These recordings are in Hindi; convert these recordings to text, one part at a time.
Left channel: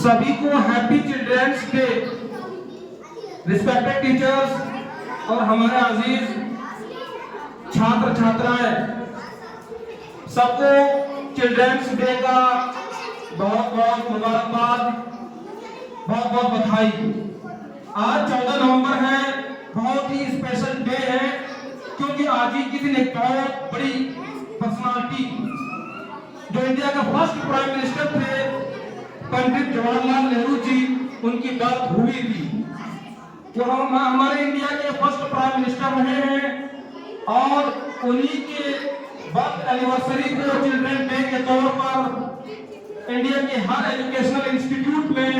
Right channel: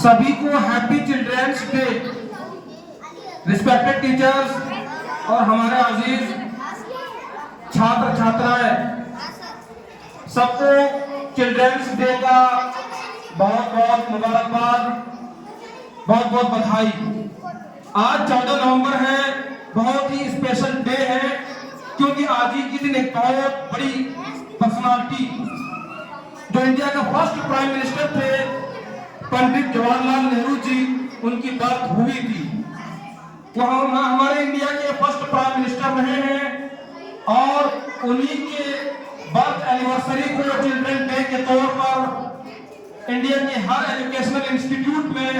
सभी को happy children's day. Respected teachers और हमारे अजीज छात्र छात्राएं, सबको चिल्ड्रंस डे का बहुत बहुत मुबारकबाद, बहुत बहुत बधाई। आज 14 नवंबर है, बहुत ही स्पेशल डे है, क्योंकि आज ही के दिन एक बहुत बड़ी पर्सनालिटी जो इंडिया का फर्स्ट प्राइम मिनिस्टर थे, पंडित जवाहरलाल नेहरू जी, उनकी बर्थ हुई थी। वो हमारे इंडिया के फर्स्ट प्राइम मिनिस्टर रहे हैं और उन्हीं के बर्थ एनिवर्सरी को चिल्ड्रन डे के तौर पर इंडिया के हर एजुकेशनल इंस्टीट्यूट में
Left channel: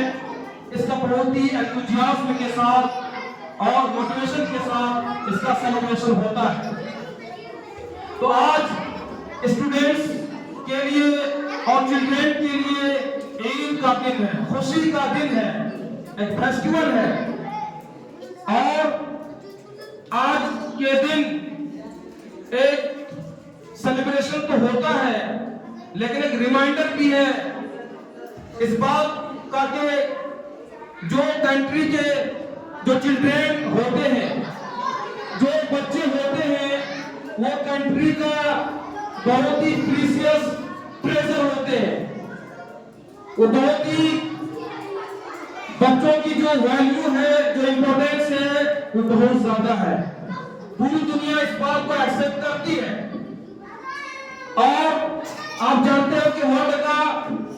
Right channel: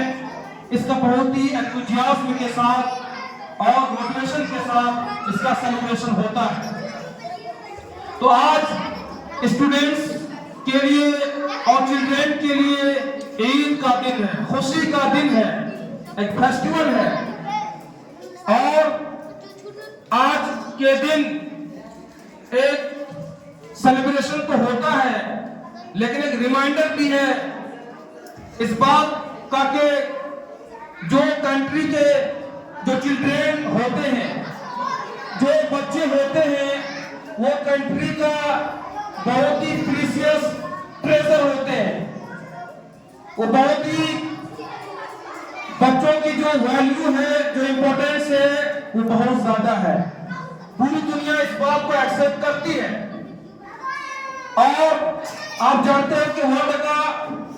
इसका बहुत ही एंथुसियाज्म के साथ और मोटिवेशन के साथ इसका सेलिब्रेशन होता है। तो आज स्टूडेंट्स के लिए और चिल्ड्रन के लिए ईद का दिन है, खुशी का दिन है, एक फेस्टिवल है। और आज के दिन एक सेलिब्रेशन तो होता है, लेकिन एक रिमाइंडर भी है इस बात का कि जो कंट्री के जो चिल्ड्रन होते हैं, जो बच्चे होते हैं, वो कंट्री का बहुत ही प्रीशियस ट्रेजर होते हैं। वो बहुत ही बच्चों की जो वैल्यू है, जो इंपॉर्टेंस है, वो बहुत ज्यादा है। पूरी दुनिया इस बात को एक्सेप्ट करती है। और आप जानते हैं कि वर्ल्ड का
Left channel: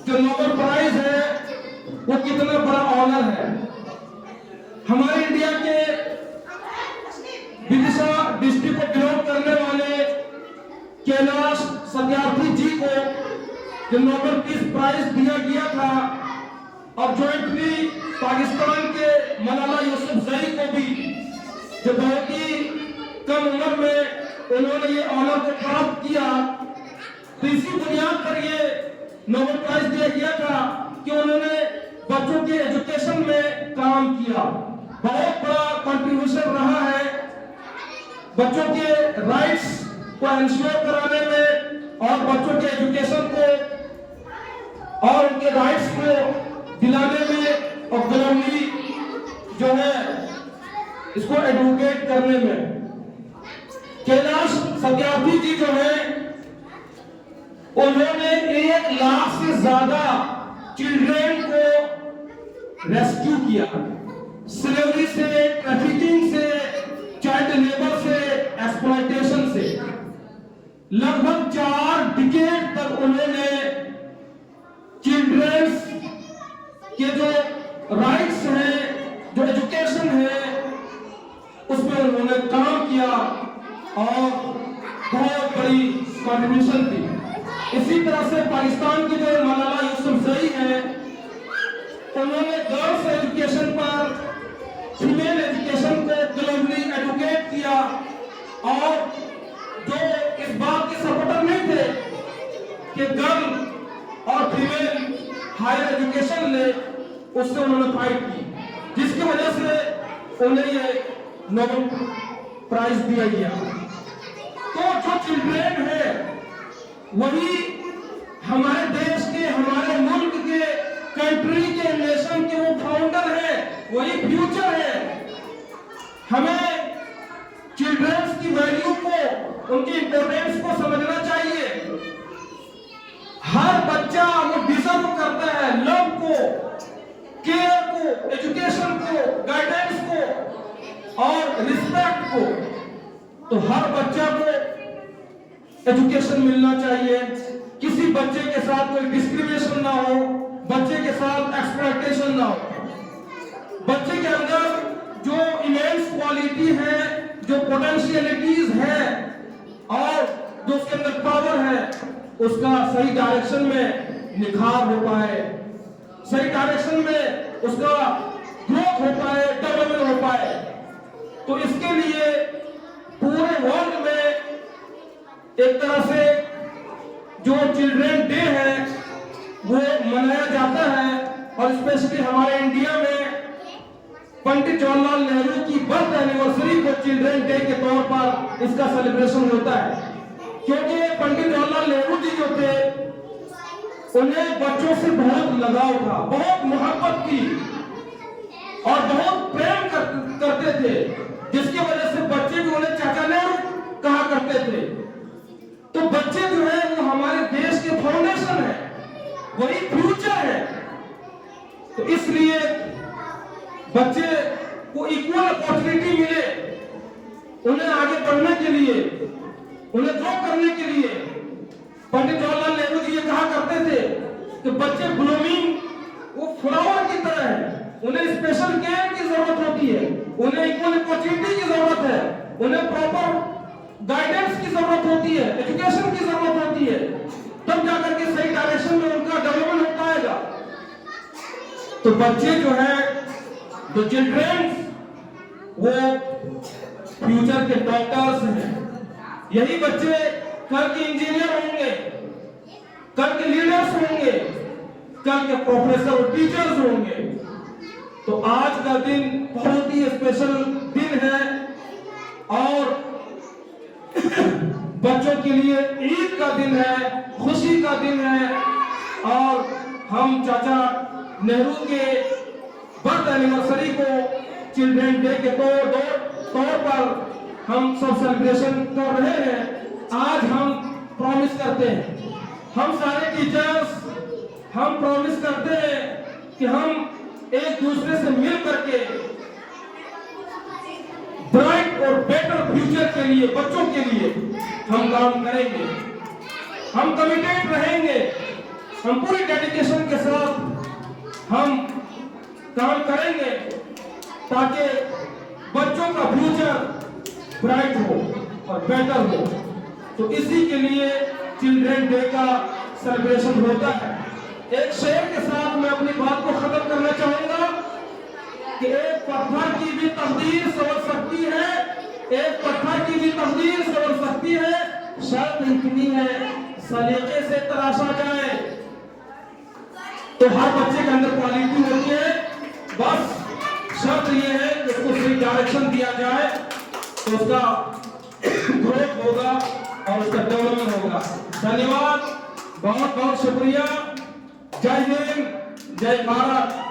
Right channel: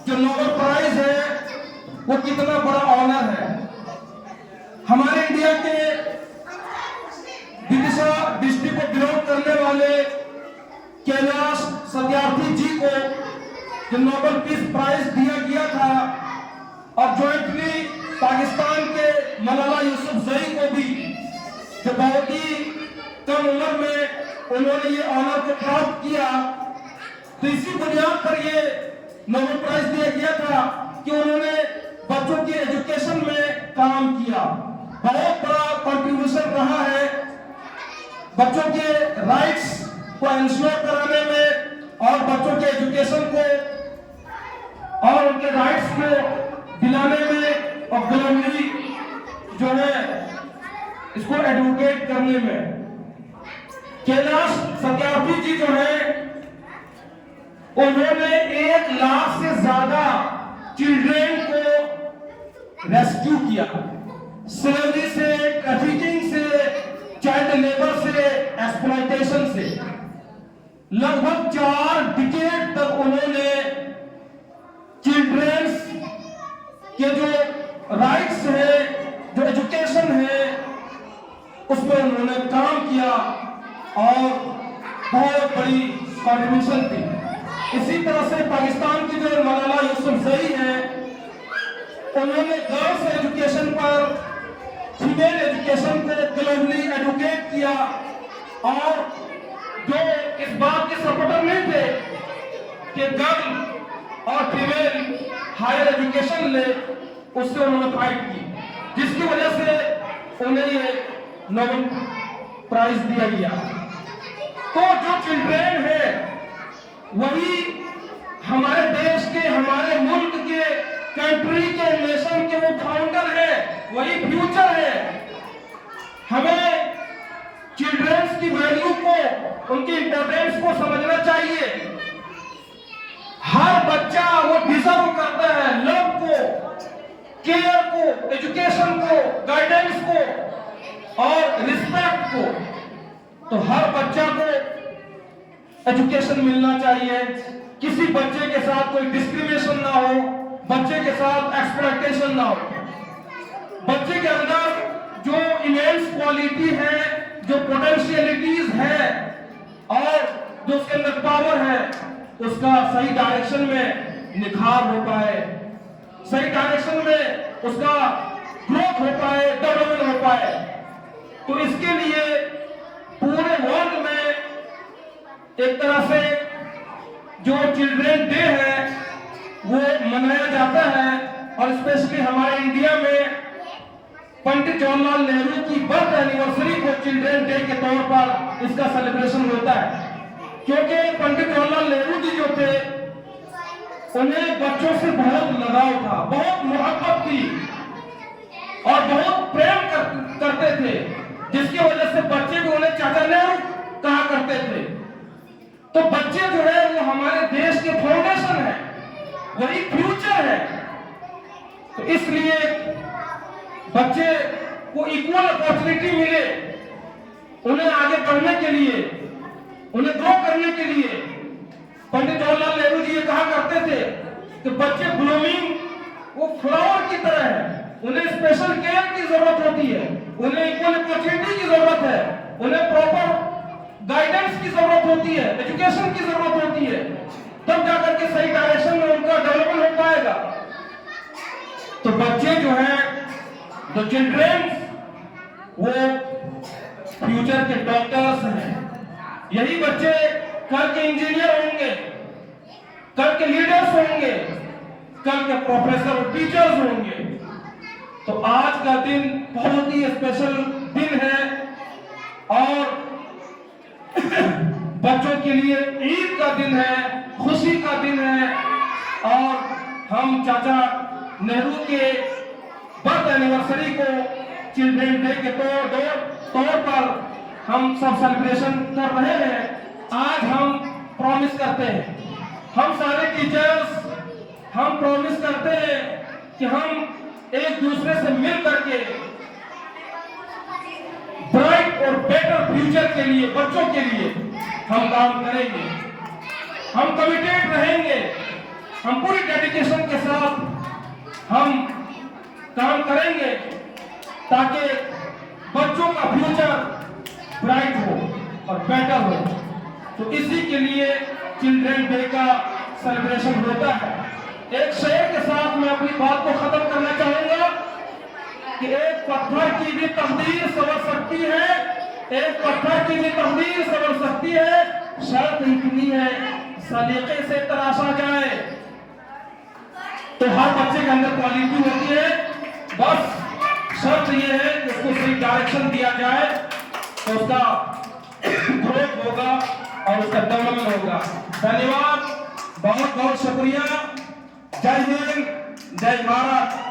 जो नोबेल प्राइज है वो कितना बड़ा ऑनर है। हमारे इंडिया के विदिशा डिस्ट्रिक्ट को बिलोंग करने वाले कैलाश सत्यार्थी जी को जो नोबेल पीस प्राइज दिया गया था, और जॉइंटली पाकिस्तान के मलाला यूसुफजई को भी, जो बहुत ही कम उम्र में उन्होंने ये ऑनर को प्राप्त किया। तो इसी बुनियाद पर ये नोबेल प्राइज दिया गया था कि उन्होंने बच्चों की एजुकेशन में काम किया। बहुत बड़ा कंट्रीब्यूशन रहा है बच्चों के राइट्स को इंश्योर कराने में और बच्चों के एजुकेशन को और उनके राइट्स को दिलाने में, और ग्लोबली जो है इसको एडवोकेट करने में। कैलाश सत्यार्थी जी जो है, उन्होंने 1 लाख से ज्यादा चिल्ड्रन को रेस्क्यू किया, स्लेवरी से, ट्रैफिकिंग से, चाइल्ड लेबर से, एक्सप्लॉयटेशन से। लगभग 4 डिकेड तक उन्होंने चिल्ड्रंस के जो राइट्स है, जो एजुकेशन है, उसमें उन्होंने काम किया और बहुत बड़ी कंट्रीब्यूशन दी। इसी तरह से पाकिस्तान की जो मलाला यूसुफजई है, उन्होंने गर्ल्स एजुकेशन पर, फीमेल एजुकेशन को ग्लोबली एडवोकेट किया, और जो इस बात के सपोर्टर नहीं थे कि गर्ल और फीमेल हायर एजुकेशन ले, उससे उन्होंने फाइट की, जिसकी वजह से उन्हें ये नोबेल प्राइज दिया गया। तो जो चिल्ड्रन है वही हमारे देश के, हमारे मुल्क के, कंट्री के, नेशन के वो फाउंडर है, वही फ्यूचर है। हमें चिल्ड्रंस की वैल्यू को, उनकी इंपॉर्टेंस को समझना चाहिए। हर बच्चा वो डिजर्व करता है लव को, केयर को, एजुकेशन को, गाइडेंस को और रिस्पेक्ट को। तो हर बच्चा को एजुकेशन मिलना चाहिए, किसी बच्चे के साथ कोई डिस्क्रिमिनेशन ना हो, बच्चे के साथ एक्सप्लॉयटेशन ना हो। बच्चे के अंदर जो इमेंस क्वालिटी है, जो पोटेंशियलिटीज है और जो उसके अंदर पावर है, उसका सही डायरेक्शन में निखार हो पाए, सही डायरेक्शन में उसका ग्रोथ हो पाए, डेवलपमेंट हो पाए। तो इसके लिए पूरे वर्ल्ड में एक तरह से जो चिल्ड्रन डे है वो मनाया जाता है, और स्पेशली हमारे इंडिया में पंडित जवाहरलाल नेहरू की बर्थ एनिवर्सरी को चिल्ड्रन डे के तौर पर इसका सेलिब्रेशन होता है। क्योंकि पंडित जवाहरलाल नेहरू जी जो थे उन्हें बच्चों से बहुत लगाव था, बहुत मोहब्बत थी और बहुत प्रेम करते थे, जिसकी वजह से बच्चे भी उन्हें चाचा नेहरू कहा करते थे। तो बच्चे जो है वो हमारे देश के फाउंडेशन है, वही फ्यूचर है। तो इसलिए बच्चे को इक्वल अपॉर्चुनिटी मिले, उन्हें आगे बढ़ने के लिए, उन्हें ग्रो करने के लिए। पंडित जवाहरलाल नेहरू जी ये कहा करते थे कि बच्चे ब्लूमिंग वो फ्लावर की तरह है, उन्हें स्पेशल केयर की जरूरत होती है, उन्हें इक्वल अपॉर्चुनिटी की जरूरत है, उन्हें प्रॉपर गाइडेंस की जरूरत होती है, एजुकेशन की जरूरत होती है, तब जाकर के सही डायरेक्शन में उनका डेवलपमेंट हो पाएगा। तो बच्चे जो है, द चिल्ड्रन, वो फ्यूचर के डॉक्टर्स हैं। यही बच्चे कल के इंजीनियर होंगे, कल के लीडर्स होंगे, कल के प्रोफेसर और टीचर्स होंगे। तो आज का दिन बहुत ही स्पेशल दिन है और बच्चों के लिए ईद का दिन है, खुशी का दिन है। और हम चाचा नेहरू के बर्थ एनिवर्सरी को चिल्ड्रन डे के तौर पर हम सब सेलिब्रेशन कर रहे हैं। आज हम प्रॉमिस करते हैं, हम सारे टीचर्स हम प्रॉमिस करते हैं कि हम एक दूसरे से मिल करके ब्राइट और बेटर फ्यूचर के लिए, बच्चों के लिए हम काम करेंगे। हम कमिटेड रहेंगे, हम पूरी डेडिकेशन के साथ हम काम करेंगे ताकि बच्चों का फ्यूचर ब्राइट हो और बेटर हो। तो इसी के लिए चिल्ड्रन डे का सेलिब्रेशन होता है। एक शेर के साथ मैं अपनी बात को खत्म करना चाहूंगा कि एक पत्थर की भी तकदीर संवर सकती है, एक पत्थर की भी तकदीर संवर सकती है, शर्त इतनी है सलीके से तराशा जाए। तो हर बच्चे के अंदर क्वालिटी होती है, बस शर्त यह है कि उसको सही डायरेक्शन दिया जाए तो उसका ग्रोथ होगा और उसका डेवलपमेंट होगा। धन्यवाद, बहुत बहुत शुक्रिया। जय हिंद, जय भारत।